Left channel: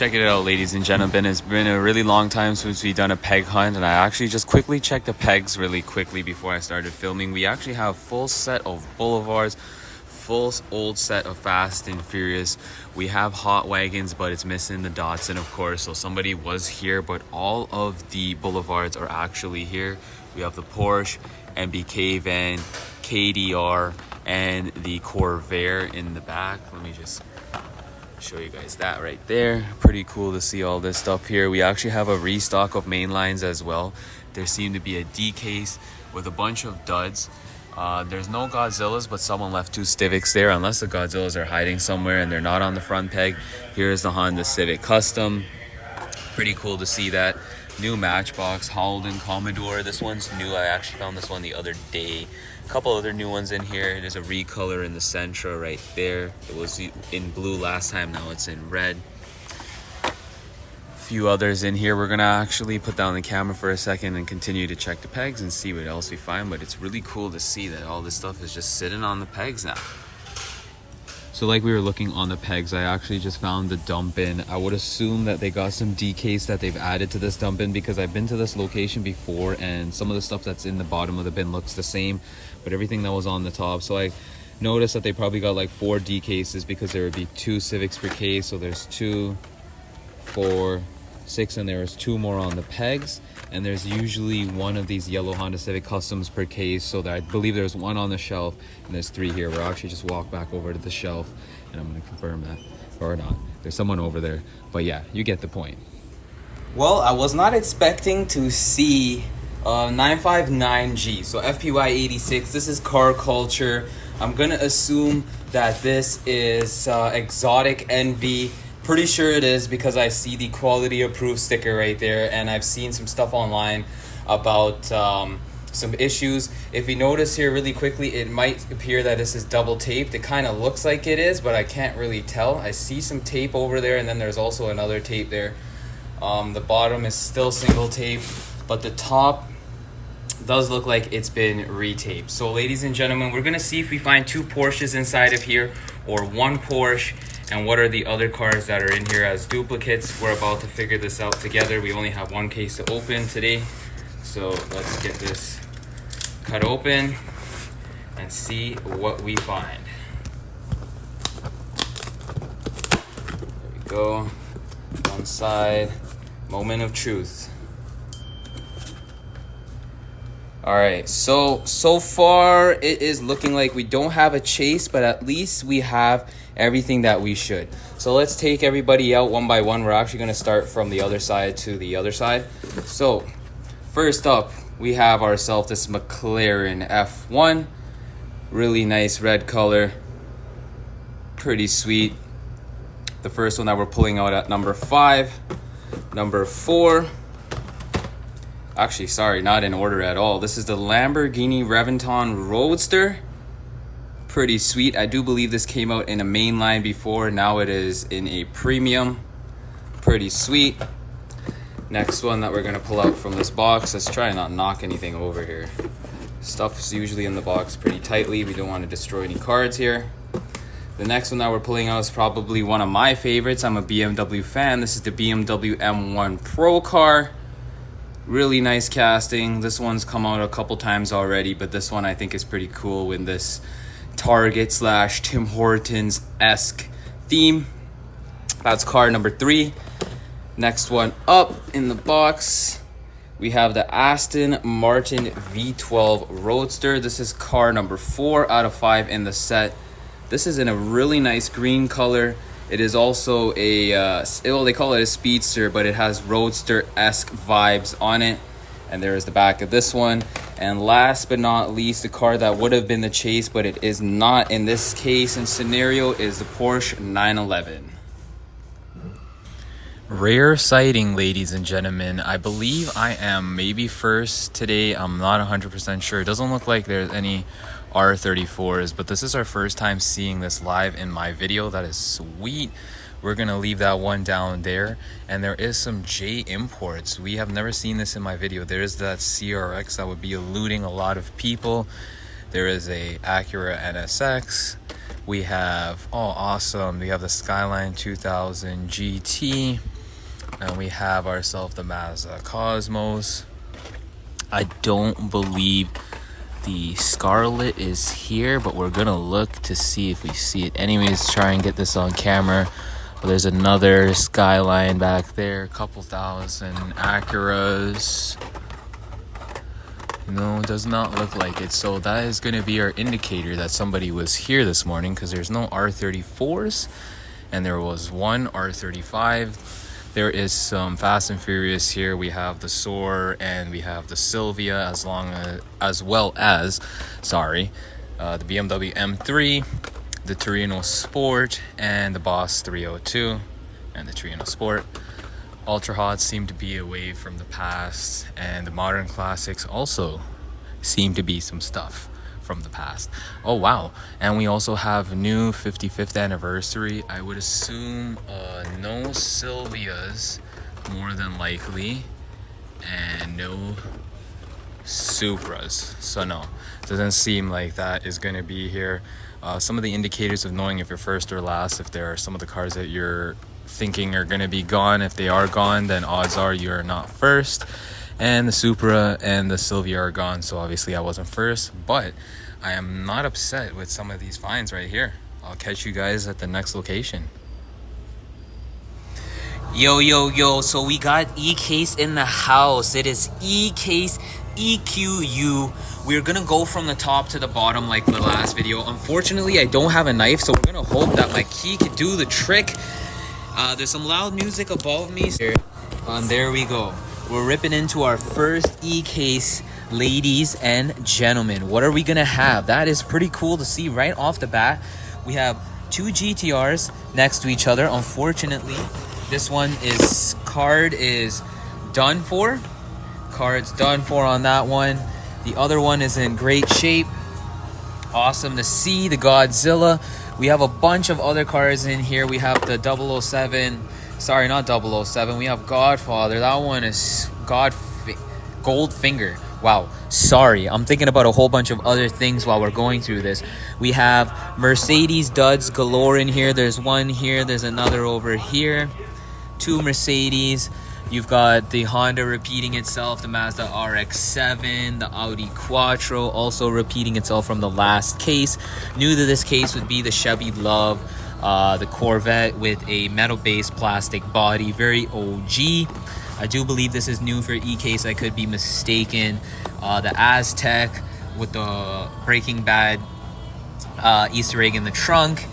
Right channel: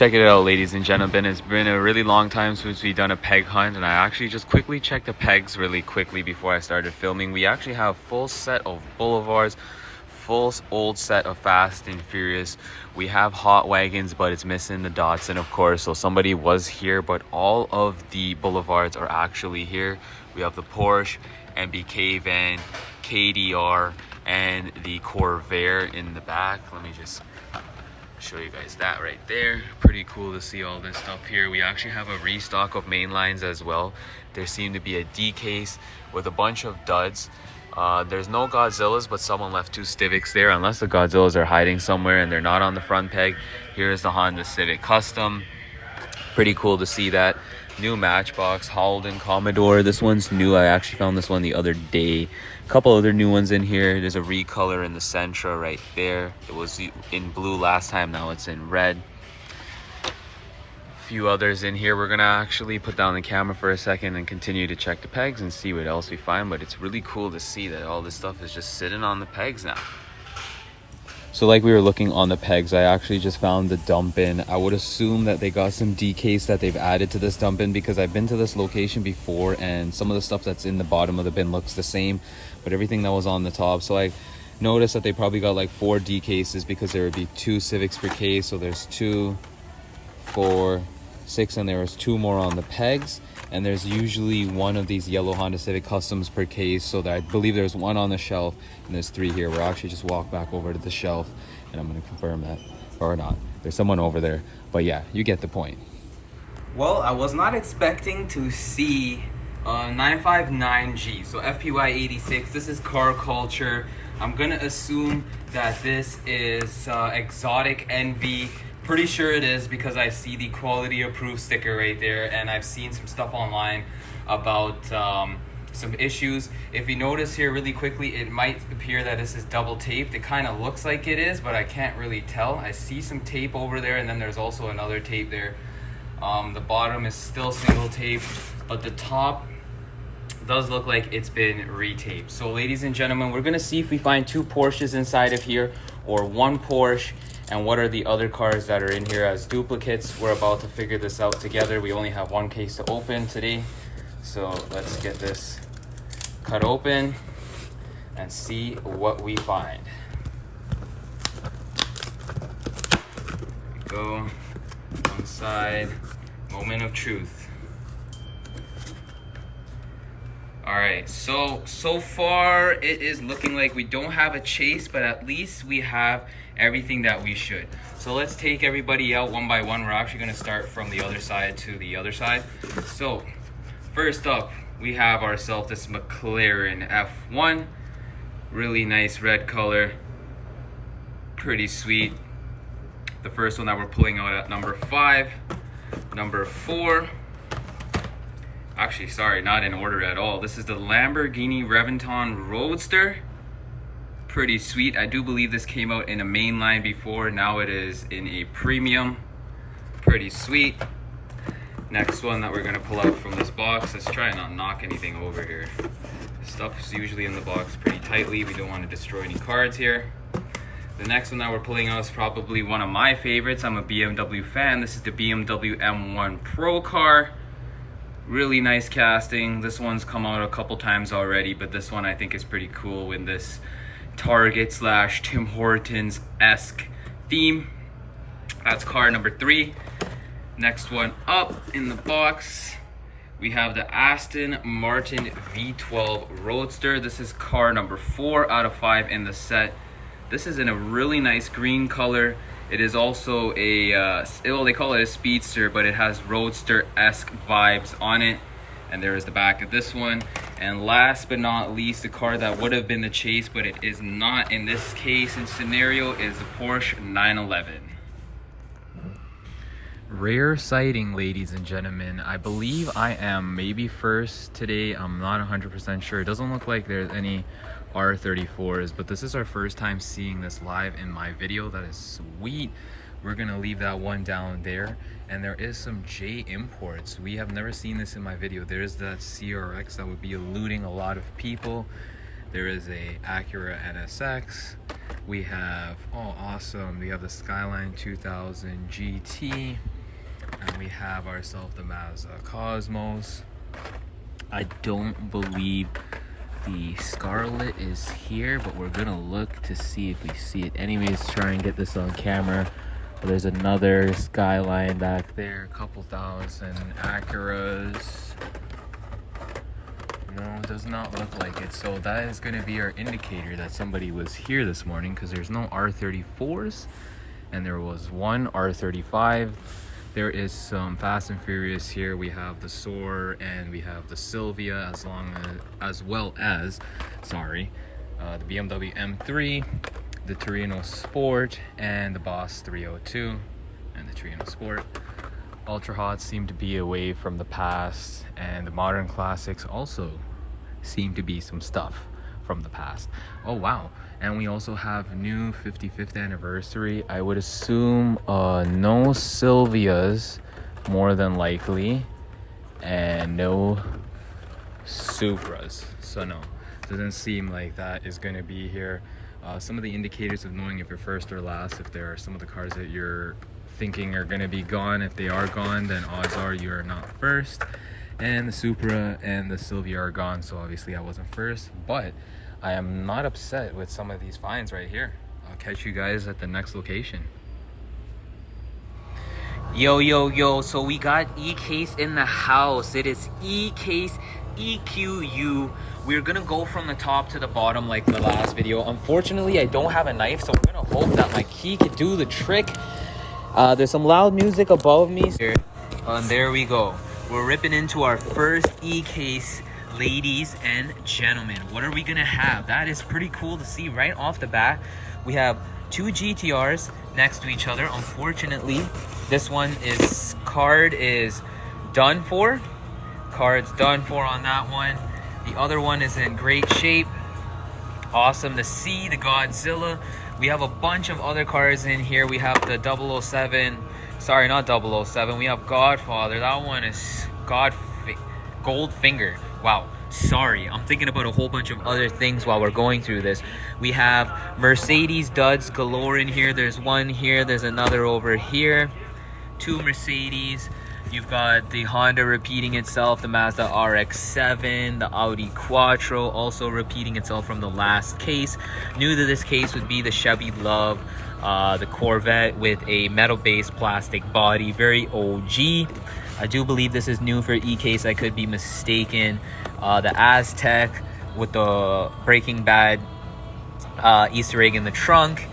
Check it out, ladies and gentlemen. It's been a really long time since we've done a peg hunt, and I actually just quickly checked the pegs really quickly before I started filming. We actually have full set of Boulevards, full old set of Fast and Furious. We have Hot Wagons, but it's missing the Datsun, of course, so somebody was here, but all of the Boulevards are actually here. We have the Porsche, MBK van, KDR, and the Corvair in the back. Let me just show you guys that right there. Pretty cool to see all this stuff here. We actually have a restock of main lines as well. There seemed to be a D case with a bunch of duds. There's no Godzillas, but someone left two Civics there, unless the Godzillas are hiding somewhere and they're not on the front peg. Here's the Honda Civic Custom. Pretty cool to see that. New Matchbox Holden Commodore. This one's new. I actually found this one the other day. Couple other new ones in here. There's a recolor in the Sentra right there. It was in blue last time, now it's in red. A few others in here. We're gonna actually put down the camera for a second and continue to check the pegs and see what else we find, but it's really cool to see that all this stuff is just sitting on the pegs now. So like we were looking on the pegs, I actually just found the dump bin. I would assume that they got some D case that they've added to this dump bin, because I've been to this location before and some of the stuff that's in the bottom of the bin looks the same, but everything that was on the top. So I noticed that they probably got like 4 D cases, because there would be 2 Civics per case. So there's 2, 4, 6, and there was 2 more on the pegs. And there's usually 1 of these yellow Honda Civic Customs per case, so that I believe there's 1 on the shelf and there's 3 here. We'll actually just walk back over to the shelf and I'm going to confirm that, or not. There's someone over there, but yeah, you get the point. Well, I was not expecting to see 959G, so FPY 86. This is car culture. I'm gonna assume that this is exotic envy. Pretty sure it is, because I see the quality approved sticker right there, and I've seen some stuff online about some issues. If you notice here really quickly, it might appear that this is double taped. It kind of looks like it is, but I can't really tell. I see some tape over there, and then there's also another tape there. The bottom is still single tape, but the top does look like it's been retaped. So ladies and gentlemen, we're gonna see if we find 2 Porsches inside of here, or 1 Porsche, and what are the other cars that are in here as duplicates. We're about to figure this out together. We only have 1 case to open today, so let's get this cut open and see what we find. There we go. One side. Moment of truth. All right, so far it is looking like we don't have a chase, but at least we have everything that we should. So let's take everybody out one by one. We're actually going to start from the other side to the other side. So first up, we have ourselves this McLaren F1. Really nice red color. Pretty sweet. The first one that we're pulling out at number 5. Number 4. Actually, sorry, not in order at all. This is the Lamborghini Reventon Roadster. Pretty sweet. I do believe this came out in a main line before. Now it is in a premium. Pretty sweet. Next one that we're gonna pull out from this box. Let's try and not knock anything over here. Stuff's usually in the box pretty tightly. We don't want to destroy any cards here. The next one that we're pulling out is probably one of my favorites. I'm a BMW fan. This is the BMW M1 Pro car. Really nice casting. This one's come out a couple times already, but this one I think is pretty cool in this Target / Tim Hortons-esque theme. That's car number 3. Next one up in the box, we have the Aston Martin V12 Roadster. This is car number 4 out of 5 in the set. This is in a really nice green color. It is also a, well, they call it a speedster, but it has roadster-esque vibes on it. And there is the back of this one. And last but not least, the car that would have been the chase, but it is not in this case and scenario, is the Porsche 911. Rare sighting, ladies and gentlemen. I believe I am maybe first today. I'm not 100% sure. It doesn't look like there's any R34s, but this is our first time seeing this live in my video. That is sweet. We're gonna leave that one down there. And there is some J imports. We have never seen this in my video. There is that CRX that would be eluding a lot of people. There is a Acura NSX. We have, oh awesome, we have the Skyline 2000 GT. And we have ourselves the Mazda Cosmos. I don't believe the Scarlet is here, but we're gonna look to see if we see it. Anyways, try and get this on camera. There's another Skyline back there, a couple thousand Acuras. No, does not look like it. So that is gonna be our indicator that somebody was here this morning, because there's no R34s and there was one R35. There is some Fast and Furious here. We have the Soar and we have the Sylvia, as well as the BMW M3, the Torino Sport, and the Boss 302, and the Torino Sport. Ultra Hots seem to be away from the past, and the modern classics also seem to be some stuff from the past. Oh wow, and we also have new 55th anniversary. I would assume no Sylvias, more than likely, and no Supras. So no, doesn't seem like that is going to be here. Some of the indicators of knowing if you're first or last, if there are some of the cars that you're thinking are going to be gone, if they are gone, then odds are you're not first. And the Supra and the Sylvia are gone, so obviously I wasn't first, but I am not upset with some of these finds right here. I'll catch you guys at the next location. Yo, so we got E-Case in the house. It is E-Case EQU. We're gonna go from the top to the bottom like the last video. Unfortunately, I don't have a knife, so we're gonna hope that my key could do the trick. There's some loud music above me here. There we go. We're ripping into our first E-Case, ladies and gentlemen. What are we gonna have? That is pretty cool to see right off the bat. We have two GTRs next to each other. Unfortunately, this one is card is done for. Card's done for on that one. The other one is in great shape. Awesome to see the Godzilla. We have a bunch of other cars in here. We have the 007. Sorry, not 007. We have Godfather. That one is Goldfinger. Wow, sorry. I'm thinking about a whole bunch of other things while we're going through this. We have Mercedes duds galore in here. There's one here. There's another over here. Two Mercedes. You've got the Honda repeating itself, the Mazda RX-7, the Audi Quattro also repeating itself from the last case. New to this case would be the Chevy Love, the Corvette with a metal-based plastic body, very OG. I do believe this is new for E-Case. I could be mistaken. The Aztec with the Breaking Bad Easter egg in the trunk.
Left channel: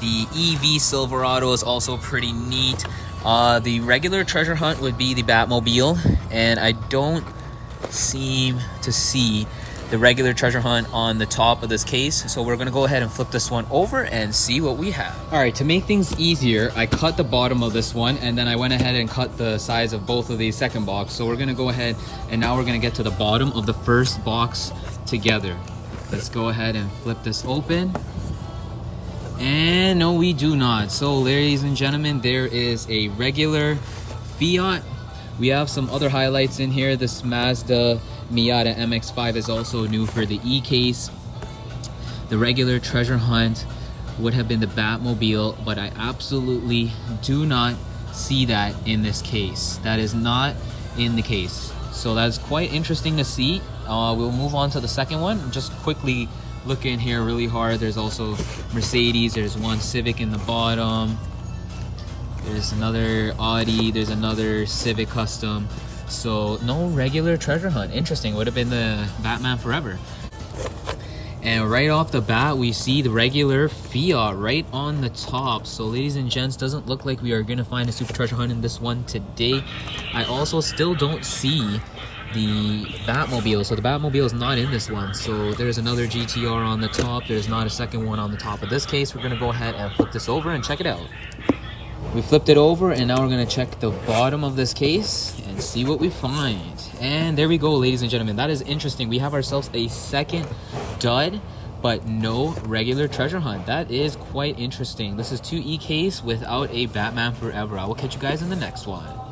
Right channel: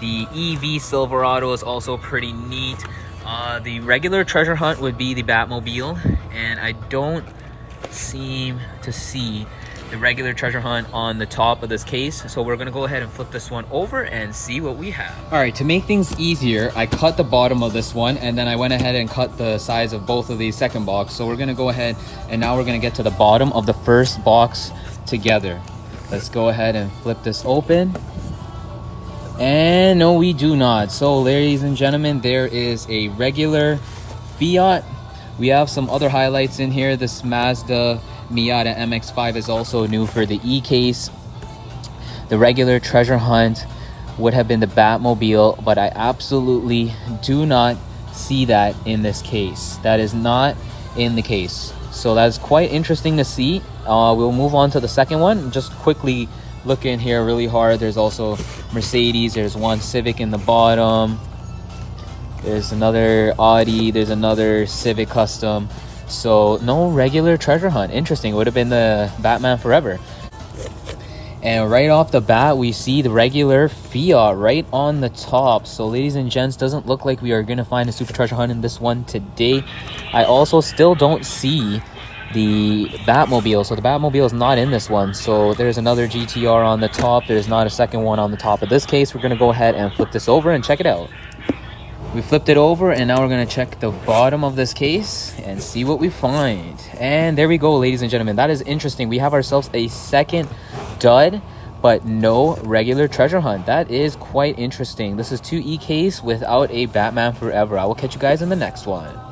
The EV Silverado is also pretty neat. The regular treasure hunt would be the Batmobile, and I don't seem to see the regular treasure hunt on the top of this case, so we're gonna go ahead and flip this one over and see what we have. All right, to make things easier, I cut the bottom of this one, and then I went ahead and cut the size of both of these second box. So we're gonna go ahead, and now we're gonna get to the bottom of the first box together. Let's go ahead and flip this open. And no, we do not. So ladies and gentlemen, there is a regular Fiat. We have some other highlights in here. This Mazda Miata MX-5 is also new for the E-Case. The regular treasure hunt would have been the Batmobile, but I absolutely do not see that in this case. That is not in the case. So that's quite interesting to see. We'll move on to the second one. Just quickly look in here really hard. There's also Mercedes. There's one Civic in the bottom. There's another Audi. There's another Civic Custom. So no regular treasure hunt. Interesting. It would have been the Batman Forever. And right off the bat, we see the regular Fiat right on the top. So ladies and gents, doesn't look like we are going to find a super treasure hunt in this one today. I also still don't see the Batmobile. So the Batmobile is not in this one. So there's another GTR on the top. There's not a second one on the top of this case. We're going to go ahead and flip this over and check it out. We flipped it over, and now we're going to check the bottom of this case and see what we find. And there we go, ladies and gentlemen. That is interesting. We have ourselves a second dud, but no regular treasure hunt. That is quite interesting. This is 2 E-Case without a Batman Forever. I will catch you guys in the next one.